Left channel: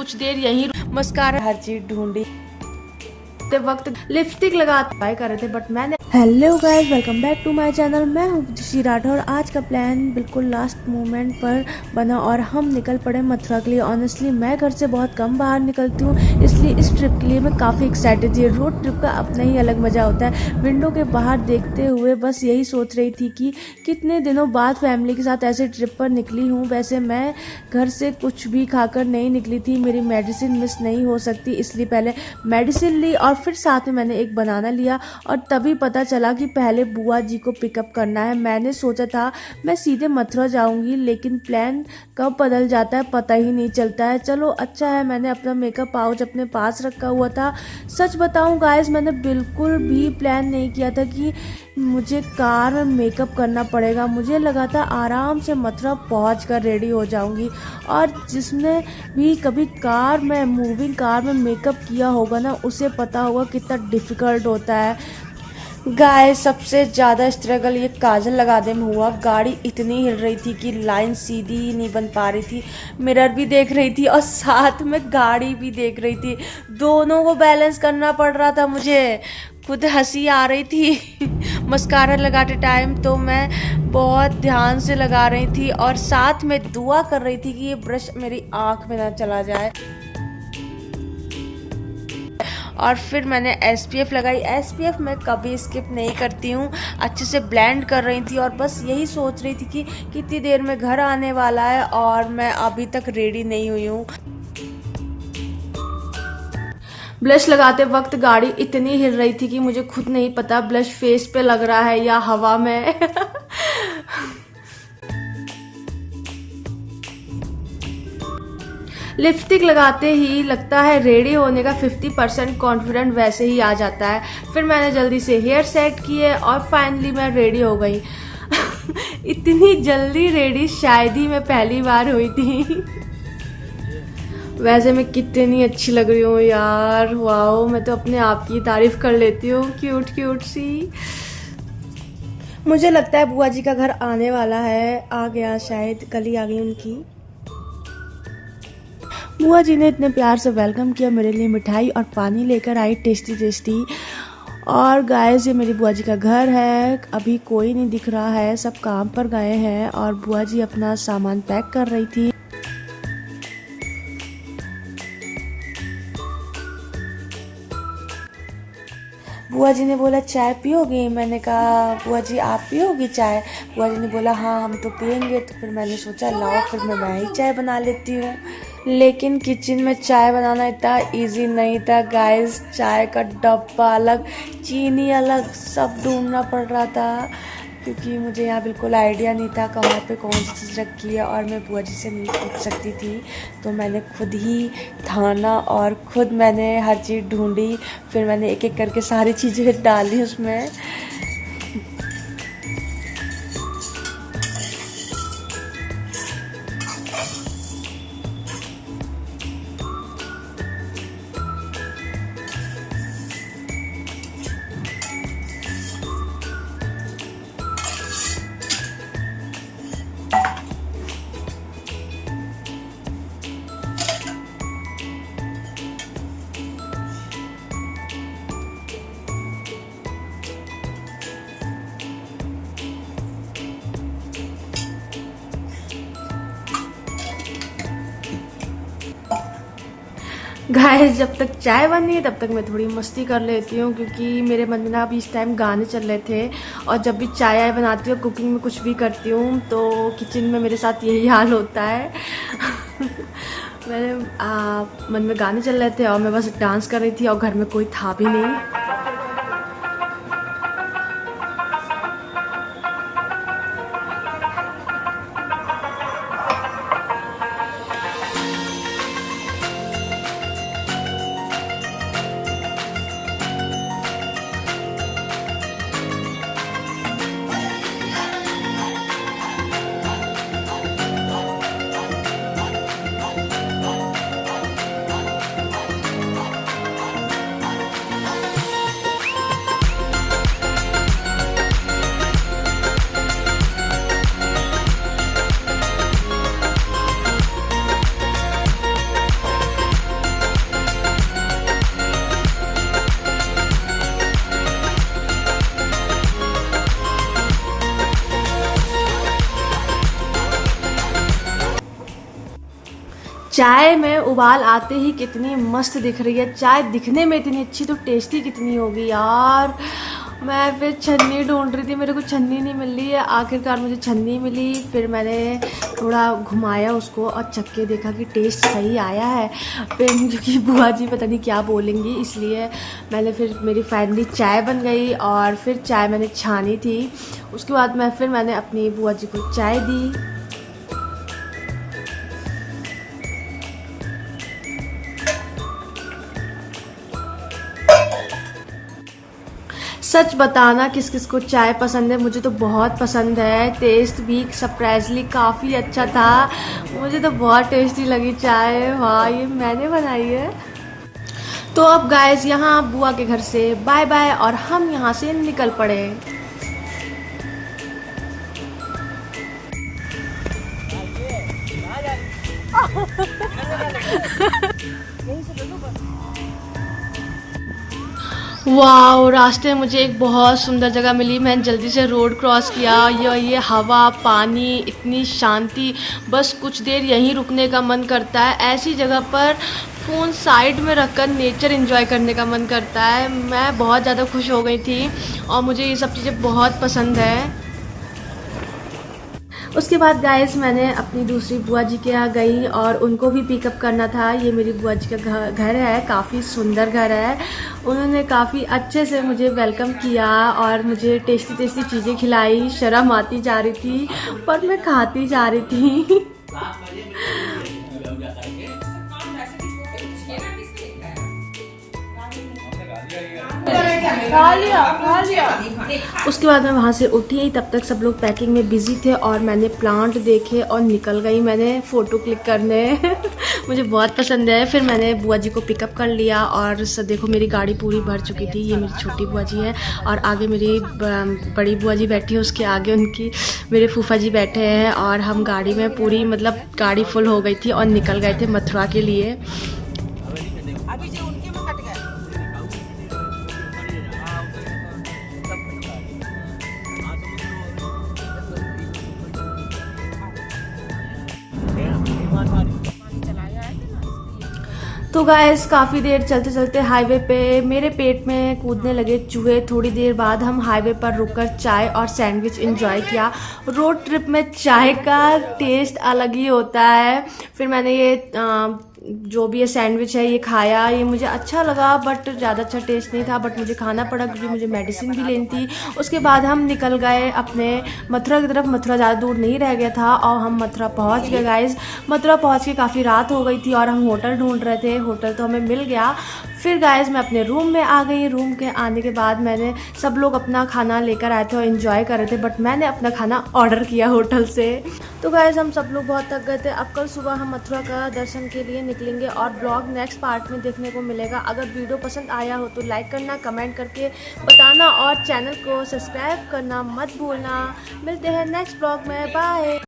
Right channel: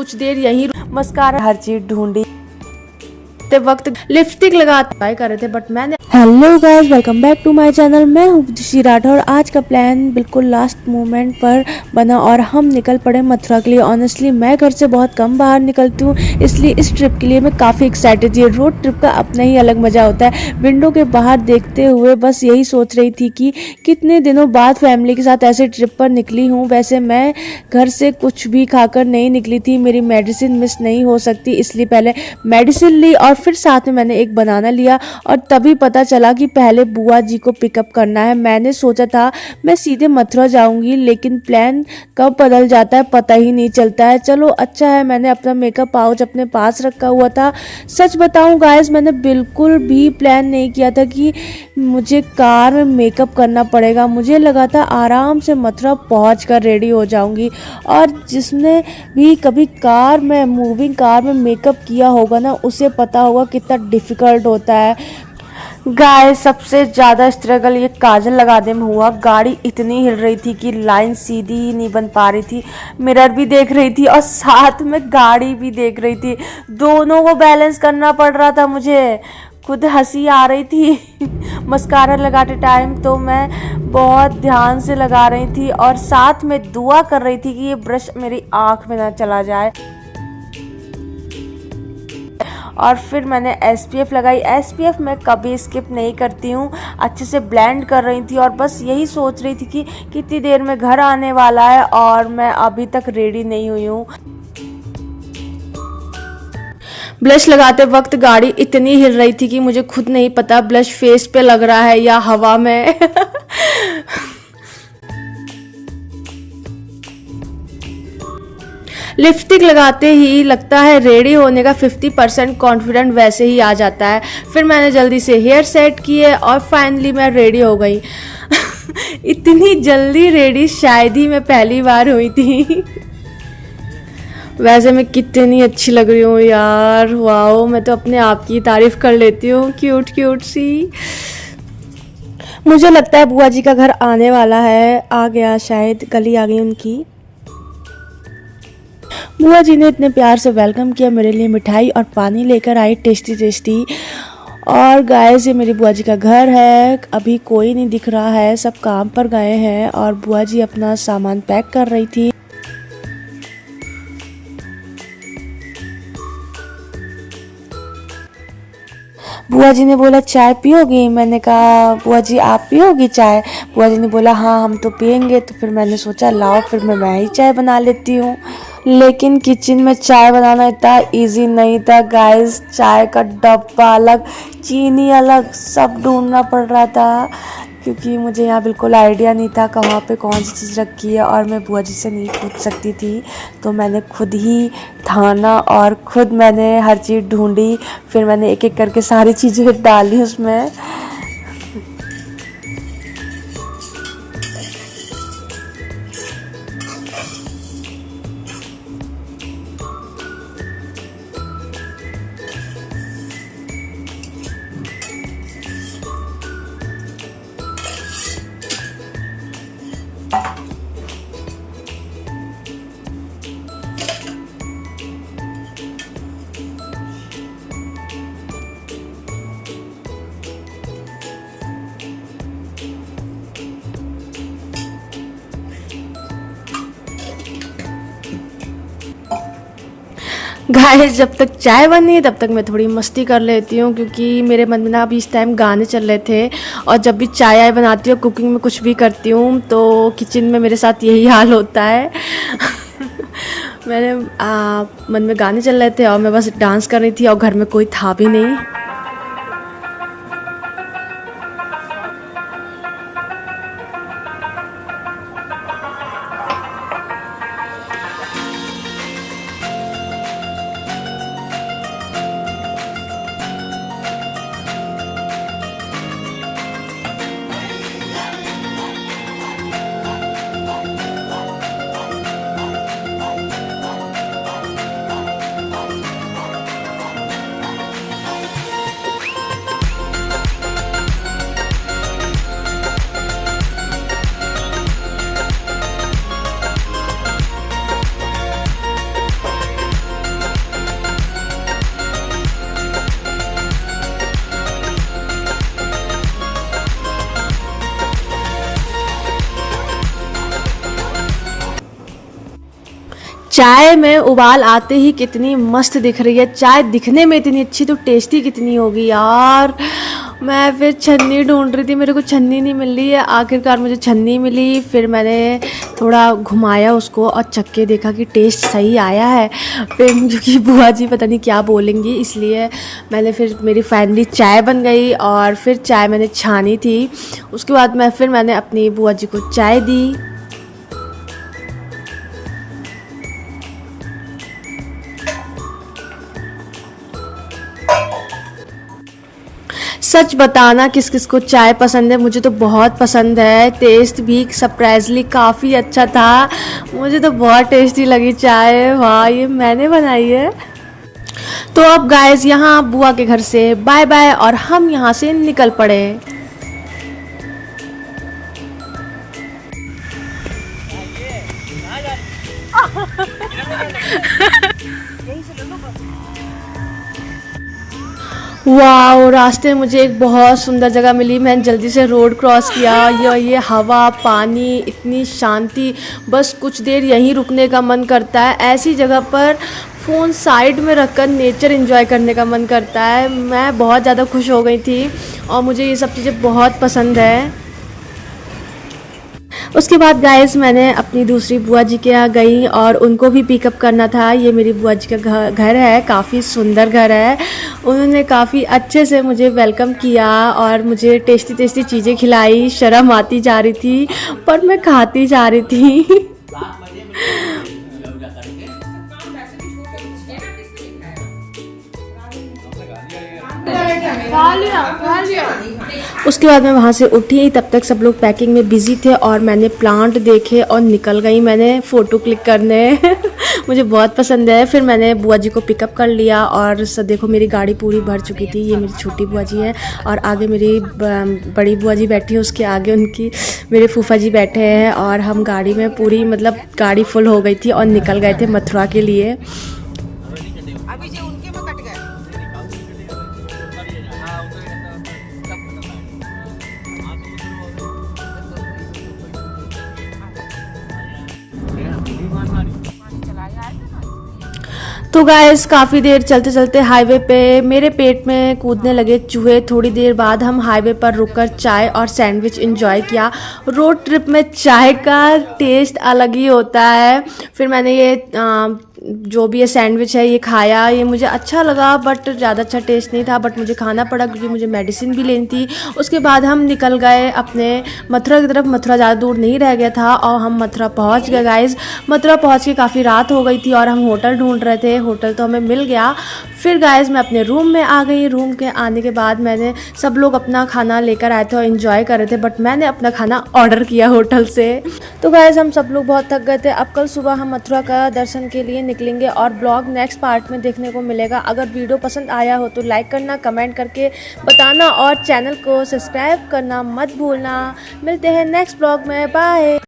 कुछ देर यहीं मस्कारा हर चीज ढूंढी वक्त लिपस्टिक लगाते ट्राई कर रहे थे बट मैंने। Hello guys, welcome back to my channel. मैं हूँ ऋषि राठौर। आज का प्लान बिल्कुल लास्ट मोमेंट पर बना और हम निकल पड़े मथुरा के लिए। ऑनेस्टली मैं घर से बहुत कम बाहर निकलती हूँ, इसलिए इस ट्रिप के लिए मैं काफ़ी एक्साइटेड थी। रोड ट्रिप का अपना ही अलग मज़ा होता है। विंडो के बाहर देखते हुए बस यही सोच रही थी कि कितने दिनों बाद फैमिली के साथ ऐसे ट्रिप पर निकली हूँ। वैसे मैं घर से कुछ भी खाकर नहीं निकली थी, मेरी मेडिसिन मिस नहीं हो सकती, इसलिए पहले मेडिसिन ली और फिर साथ में मैंने एक बनाना लिया। और तभी पता चला कि पहले बुआ जी को पिकअप करना है। मैंने सोचा था मैं सीधे मथुरा जाऊंगी, लेकिन प्लान कब बदल जाता है पता ही नहीं चलता है। चलो अच्छा है मैंने अपना मेकअप पाउच अपने पास रखा हुआ था। सच बताऊं गाइस, मैंने बिल्कुल भी प्लान नहीं किया था कि मुझे कार में मेकअप करना पड़ेगा। मुझे लगा था आराम से मथुरा पहुँच कर रेडी हो जाऊंगी। और जिसने भी कभी कार में मूविंग कार में मेकअप किया होगा ना, उसे पता होगा कितना डिफिकल्ट होता है। गाइस सबसे ज़्यादा स्ट्रगल ये काजल लगाने में हुआ। गाड़ी इतनी हिल रही थी कि लाइन सीधी ही नहीं बन पा रही थी। मिरर भी देख रही थी और साथ में गाड़ी भी देख रही थी, दोनों को बैलेंस करना पड़ रहा था मुझे। खुद हंसी आ रही थी। मस्कारा लगाते टाइम तो मैं बहुत ध्यान से लगा रही थी और साथ में दुआ कर रही थी कि ये ब्रश मेरी आँख में ना चला जाए। और फिर मैंने SPF लगाई। SPF मैं कभी स्किप नहीं करती हूँ। अच्छे से ब्लेंड कर रही थी और बस यही सोच रही थी कि कितनी देर में घर आने वाला है और मैं अभी तक रेडी नहीं हुई हूँ। ब्लश लगाते वक्त गाड़ी इतनी हिल रही थी कि मुझे खुद नहीं पता ब्लश फेस पे लग रहा है या हवा में। लिपस्टिक लगाते ही लगता है रेडी होने का 50% कॉन्फिडेंट वैसे ही आ जाता है। फिर मैंने जल्दी से हेयर सेट किए और फाइनली मैं रेडी हो गई। इतनी जल्दी रेडी शायद ही मैं पहली बार हुई थी। वैसे मैं कितनी अच्छी लग रही हूँ यार, वाओ। मैं तो अपने आप की तारीफ कर लेती हूँ, क्यूट क्यूट सी। मुझे लगता है बुआ जी का घर आने वाला है, आ गया शायद, गली आ गई उनकी। बुआ जी ने इतने प्यार से वेलकम किया, मेरे लिए मिठाई और पानी लेकर आई टेस्टी टेस्टी। और गाइस ये मेरी बुआ जी का घर है। अभी कोई नहीं दिख रहा है, सब काम पर गए हैं और बुआ जी अपना सामान पैक कर रही थी। बुआ जी ने बोला चाय पियोगी? मैंने कहा बुआ जी आप पियोगी चाय? बुआ जी ने बोला हाँ हम तो पियेंगे। तो फिर मैंने सोचा लाओ फिर मैं ही चाय बना लेती हूँ। लेकिन किचन में चाय बनाना इतना इजी नहीं था गाइस। चाय का डब्बा अलग, चीनी अलग, सब ढूंढना पड़ रहा था क्योंकि मुझे यहाँ बिल्कुल आइडिया नहीं था कहाँ पे कौन सी चीज़ रखी है और मैं बुआ जी से नहीं पूछ सकती थी। तो मैंने खुद ही ठाना और खुद मैंने हर चीज़ ढूंढी। फिर मैंने एक एक करके सारी चीज़ें डाली उसमें। गाइस जब तक चाय बनी है तब तक मैं थोड़ी मस्ती कर लेती हूँ क्योंकि मेरे मन में ना अभी इस टाइम गाने चल रहे थे। और जब भी चाय आय बनाती हूँ, कुकिंग में कुछ भी करती हूँ तो किचन में मेरे साथ यही हाल होता है। मेरे मन में गाने चल रहे थे और मैं बस डांस कर रही थी और घर में कोई था भी नहीं। चाय में उबाल आते ही कितनी मस्त दिख रही है चाय, दिखने में इतनी अच्छी तो टेस्टी कितनी होगी यार। मैं फिर छन्नी ढूंढ रही थी, मेरे को छन्नी नहीं मिल रही है। आखिरकार मुझे छन्नी मिली, फिर मैंने थोड़ा घुमाया उसको और चख के देखा कि टेस्ट सही आया है। फिर क्योंकि बुआ जी पता नहीं क्या बोलेंगी, इसलिए मैंने फिर मेरी फाइनली चाय बन गई और फिर चाय मैंने छानी थी। उसके बाद मैंने अपनी बुआ जी को चाय दी। सच बताना किस किस को चाय पसंद है, मुझे तो बहुत पसंद है। टेस्ट भी सरप्राइजली काफ़ी अच्छा था, मुझे तो बहुत टेस्टी लगी चाय। वाह, ये मैंने बनाई है। तो अब गाइस यहाँ बुआ के घर से बाय बाय और हम यहाँ से निकल पड़े। वाह, रास्ते में मुझे एक बहुत सुंदर जगह मिली। मैंने जल्दी से रोड क्रॉस किया। ये हवा, पानी, इतनी शांति, बस कुछ देर यहीं रुकने का मन करता है। ऐसी जगह पर फ़ोन साइड में रखकर नेचर एंजॉय करने का मन करता है। मैं बहुत ज़्यादा खुश हो गई थी और मुझे ये सब चीज़ें बहुत पसंद है। उसके बाद गाइस मैंने अपनी दूसरी बुआ जी के यहाँ गई और उनको भी पिकअप करना था। ये मेरी बुआ जी का घर है, काफ़ी सुंदर घर है। उन्होंने काफ़ी अच्छे से मुझे वेलकम किया और मुझे टेस्टी टेस्टी चीज़ें खिलाई। शर्म आती जा रही थी पर मैं खाती जा रही थी। खा लिया। उसके बाद मैं वहाँ से उठी, तब तक सब लोग पैकिंग में बिजी थे और मैंने प्लांट देखे और निकल गई मैंने फ़ोटो क्लिक करने। मुझे बहुत पसंद है। फिर मैंने बुआ जी को पिकअप कर लिया और देखो मेरी गाड़ी पूरी भर चुकी थी। ये मेरी छोटी बुआ जी है और आगे मेरी बड़ी बुआ जी बैठी है, उसके आगे उनकी मेरे फूफा जी बैठे हैं और हम गाड़ी में पूरी मतलब गाड़ी फुल हो गई थी और निकल गए थे मथुरा के लिए। तो गाइस काफ़ी देर चलते चलते हाईवे पे मेरे पेट में कूदने लगे चूहे। थोड़ी देर बाद हम हाईवे पर रुककर चाय और सैंडविच एंजॉय किया। रोड ट्रिप में चाय का टेस्ट अलग ही होता है। फिर मैंने ये जो भी ये सैंडविच है ये खाया, ये मुझे अच्छा लगा बट ज़्यादा अच्छा टेस्ट नहीं था, बट मुझे खाना पड़ा क्योंकि मुझे मेडिसिन भी लेनी थी। उसके बाद हम निकल गए अपने मथुरा की तरफ। मथुरा ज़्यादा दूर नहीं रह गया था और हम मथुरा पहुंच गए गाइस। मथुरा पहुंच के काफ़ी रात हो गई थी और हम होटल ढूंढ रहे थे। होटल तो हमें मिल गया। फिर गाइस मैं अपने रूम में आ गई। रूम के आने के बाद मैंने सब लोग अपना खाना लेकर आए थे और इन्जॉय कर रहे थे, बट मैंने अपना खाना ऑर्डर किया होटल से। तो गाइस हम सब लोग बहुत थक गए थे। अब कल सुबह हम मथुरा का दर्शन के लिए निकलेंगे और ब्लॉग नेक्स्ट पार्ट में देखने को मिलेगा। अगर वीडियो पसंद आया हो तो लाइक करना, कमेंट करके बताना और चैनल को सब्सक्राइब करना मत भूलना। मिलते हैं नेक्स्ट ब्लॉग में, बाय।